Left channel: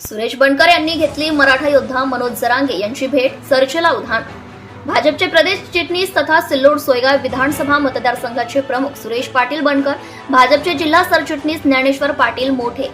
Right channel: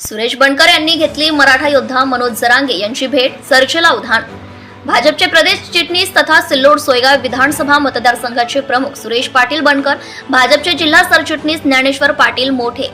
सुरेश बनकर यांनी घेतली मराठा योद्धा मनोज जरांगे यांची भेट चर्चेला उधाण. भाजपचे प्रदेश चिटणीस तथा सिल्लोड सोयगाव विधानसभा मतदारसंघाचे प्रमुख सुरेश पाटील बनकर भाजपचे जिल्हा सरचिटणीस ज्ञानेश्वर पाटील मोठे.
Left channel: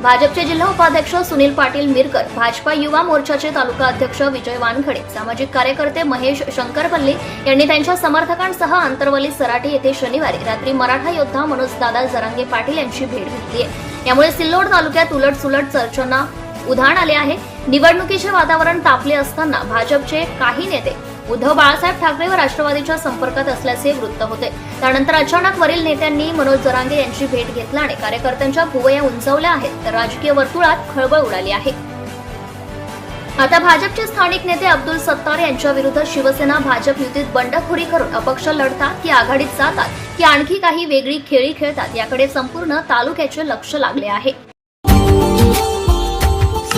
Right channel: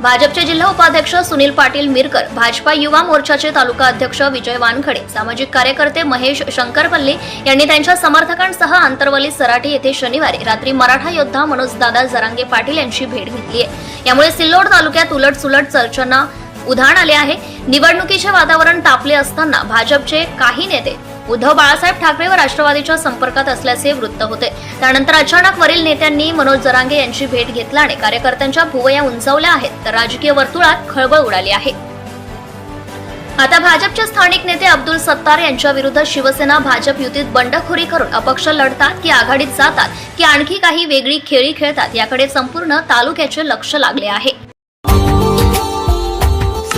भाजपचे जिल्हा उपाध्यक्ष सुनील पाटील मिरकर भाजपा युवा मोर्चाचे तालुका अध्यक्ष विजय वानखडे सामाजिक कार्यकर्ते महेश शंकरपल्ली यांनी त्यांच्या समर्थकांसह आंतरवली सराटी येथे शनिवारी रात्री मराठा योद्धा मनोज दादा जरांगे पाटील यांची भेट घेतली आहे. यामुळे सिल्लोड तालुक्यात उलटसुलट चर्चांना उधाण आले आहे. निवडणुकीचे वातावरण तापले असताना भाजपचे काही नेते उद्धव बाळासाहेब ठाकरे व राष्ट्रवादीच्या संपर्कात असल्याचे वृत्त होते. त्यानंतर अचानक वरील नेत्यांनी मनोज जरांगे यांची भेट घेतल्याने कार्यकर्त्यांच्या भुवया उंचावल्या आहेत तर राजकीय वर्तुळात खळबळ उडाली आहे. आता भाजपचे स्थानिक नेते अब्दुल सत्तार यांच्या विरुद्ध शिवसेना भाजप युतीत बंडखोरी करून अपक्ष लढतात की आघाडीत जातात की आणखी काही वेगळी खेळी खेळतात याकडे संपूर्ण तालुक्याचे लक्ष लागले आहे.